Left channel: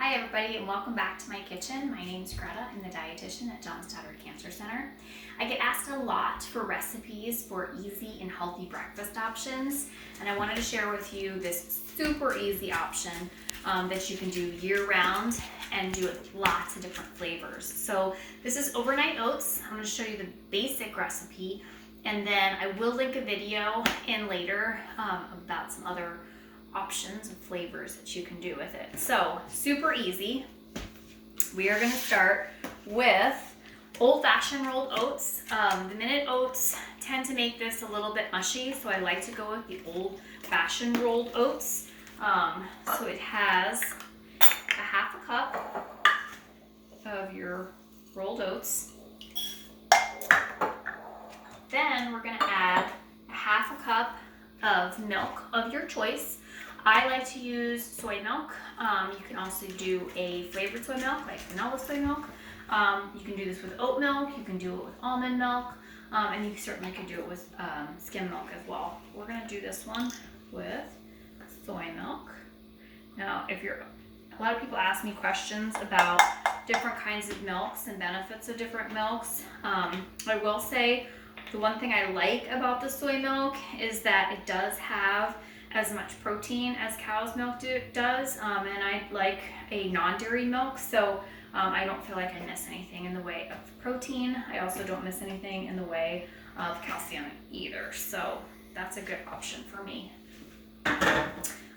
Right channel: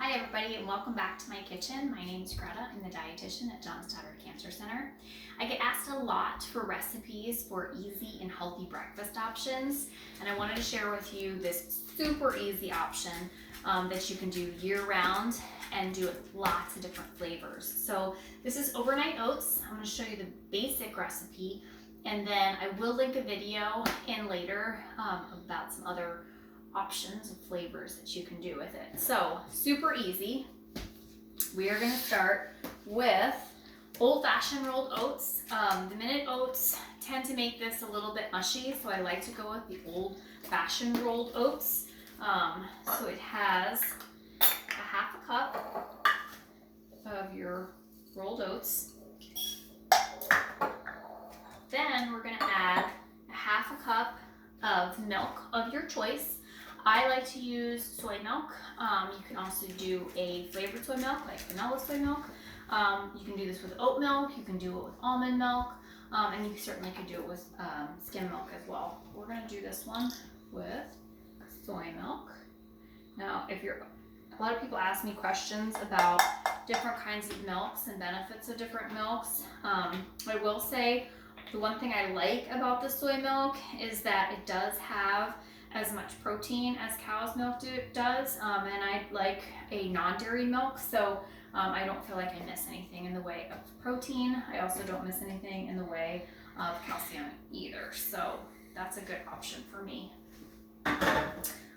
Hi everybody and welcome back to my kitchen. My name is Greta. I'm the dietitian at John Stoddard Cancer Center. I get asked a lot for recipes for easy and healthy breakfast options, and I wanted to share with you this super easy option that you can do year-round and do with lots of different flavors. So this is overnight oats. I'm going to show you the basic recipe, and then I will link a video in later about some other options and flavors that you can do with it. So super easy. We are going to start with old-fashioned rolled oats. The minute oats tend to make this a little bit mushy, so I like to go with the old-fashioned rolled oats. So it has a half a cup of your rolled oats. Then we're going to add a half a cup of milk of your choice. I like to use soy milk. You can also do a flavored soy milk, like vanilla soy milk. You can do this with oat milk. You can do it with almond milk. And you certainly could do it with skim milk as well. We're going to do this one with soy milk. Now, a lot of people ask me questions about different kinds of milks and benefits of different milks. I will say the one thing I like about the soy milk is that it does have as much protein as cow's milk does, and I like a non-dairy milk, so I don't feel like I miss anything in the way of protein. I also don't miss anything in the way of calcium either, so that's a good option for me.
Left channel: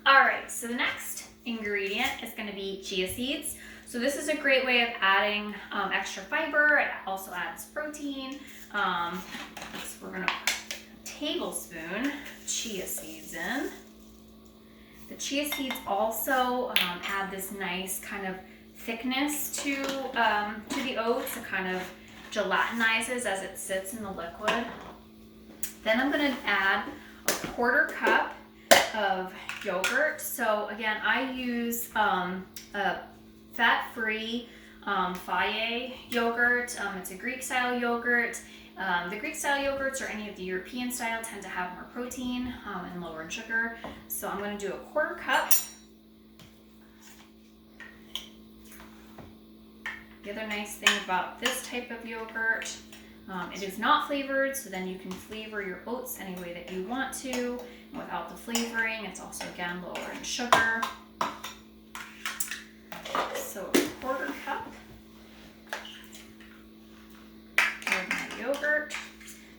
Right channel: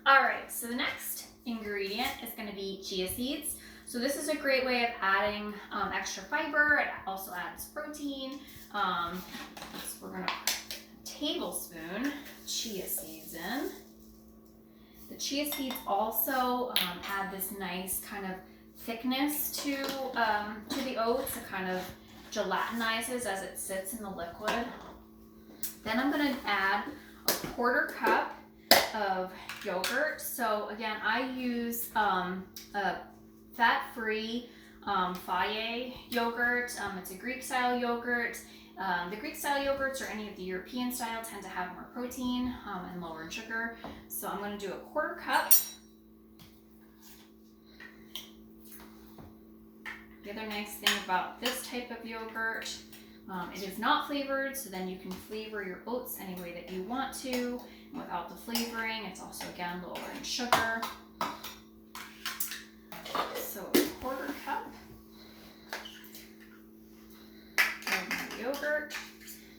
Alright, so the next ingredient is going to be chia seeds. So this is a great way of adding extra fiber. It also adds protein. So we're going to put a tablespoon chia seeds in. The chia seeds also add this nice kind of thickness to the oats. It kind of gelatinizes as it sits in the liquid. Then I'm going to add a quarter cup of yogurt. So again, I use a fat-free Faye yogurt. It's a Greek-style yogurt. The Greek-style yogurts or any of the European style tend to have more protein and lower in sugar. So I'm going to do a quarter cup. The other nice thing about this type of yogurt, it is not flavored, so then you can flavor your oats any way that you want to. And without the flavoring, it's also, again, lower in sugar. So a quarter cup of my yogurt.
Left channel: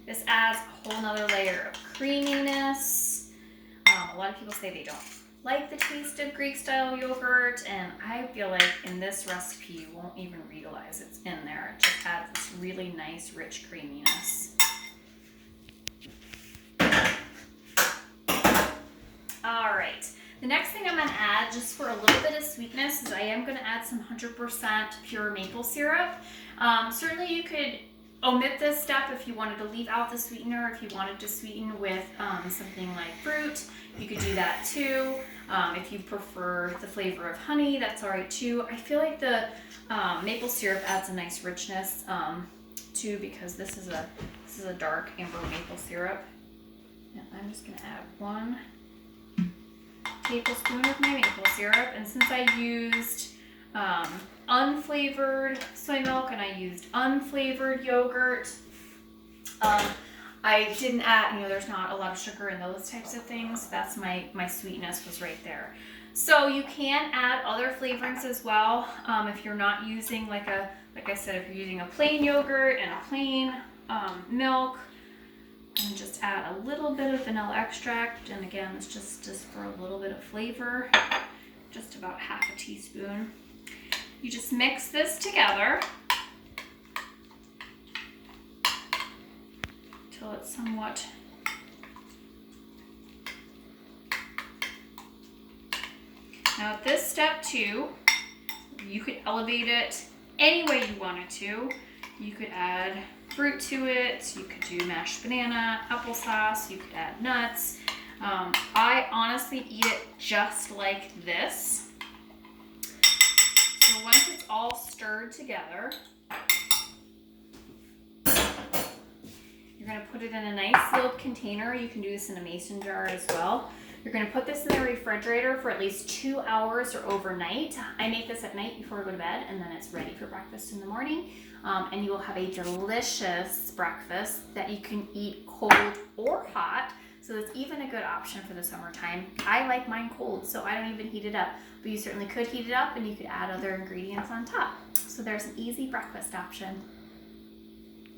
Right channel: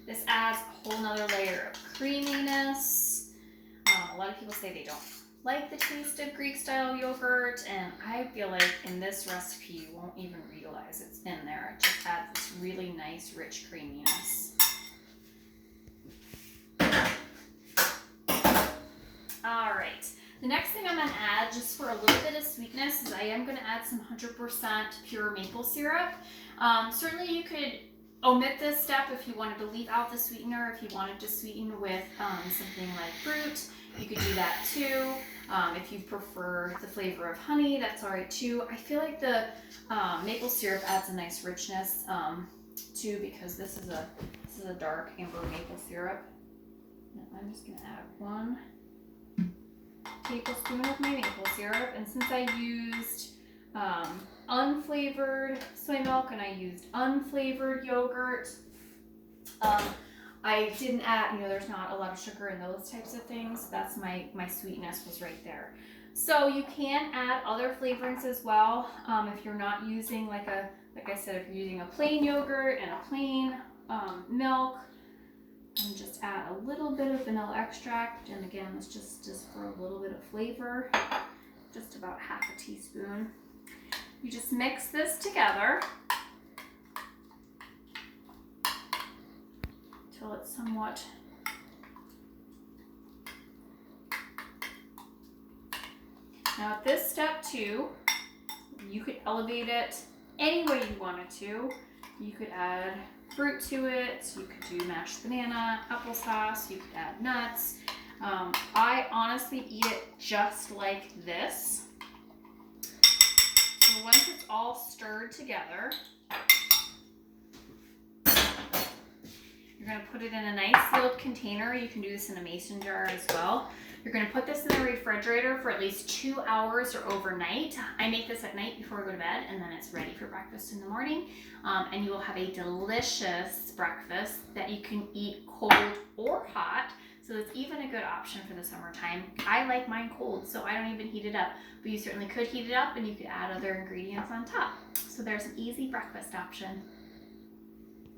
This adds a whole nother layer of creaminess. A lot of people say they don't like the taste of Greek-style yogurt, and I feel like in this recipe you won't even realize it's in there. It just adds this really nice, rich creaminess. All right, the next thing I'm going to add, just for a little bit of sweetness, is I am going to add some 100% pure maple syrup. Certainly you could omit this step if you wanted to leave out the sweetener. If you wanted to sweeten with something like fruit, you could do that too. If you prefer the flavor of honey, that's all right too. I feel like the maple syrup adds a nice richness too, because this is a dark amber maple syrup. And I'm just going to add 1 tablespoon of my maple syrup, and since I used unflavored soy milk and I used unflavored yogurt, I didn't add, there's not a lot of sugar in those types of things. That's my sweetness was right there. So you can add other flavorings as well. If you're not using like I said, if you're using a plain yogurt and a plain milk, and just add a little bit of vanilla extract, and again, it's just for a little bit of flavor, just about half a teaspoon. You just mix this together till it's somewhat Now at this step 2, you could elevate it any way you wanted to. You could add fruit to it, you could do mashed banana, applesauce, you could add nuts. I honestly eat it just like this. So once it's all stirred together, you're going to put it in a nice sealed container. You can do this in a mason jar as well. You're gonna put this in the refrigerator for at least 2 hours or overnight. I make this at night before we go to bed, and then it's ready for breakfast in the morning. And you will have a delicious breakfast that you can eat cold or hot. So it's even a good option for the summertime. I like mine cold, so I don't even heat it up. But you certainly could heat it up, and you could add other ingredients on top. So there's an easy breakfast option.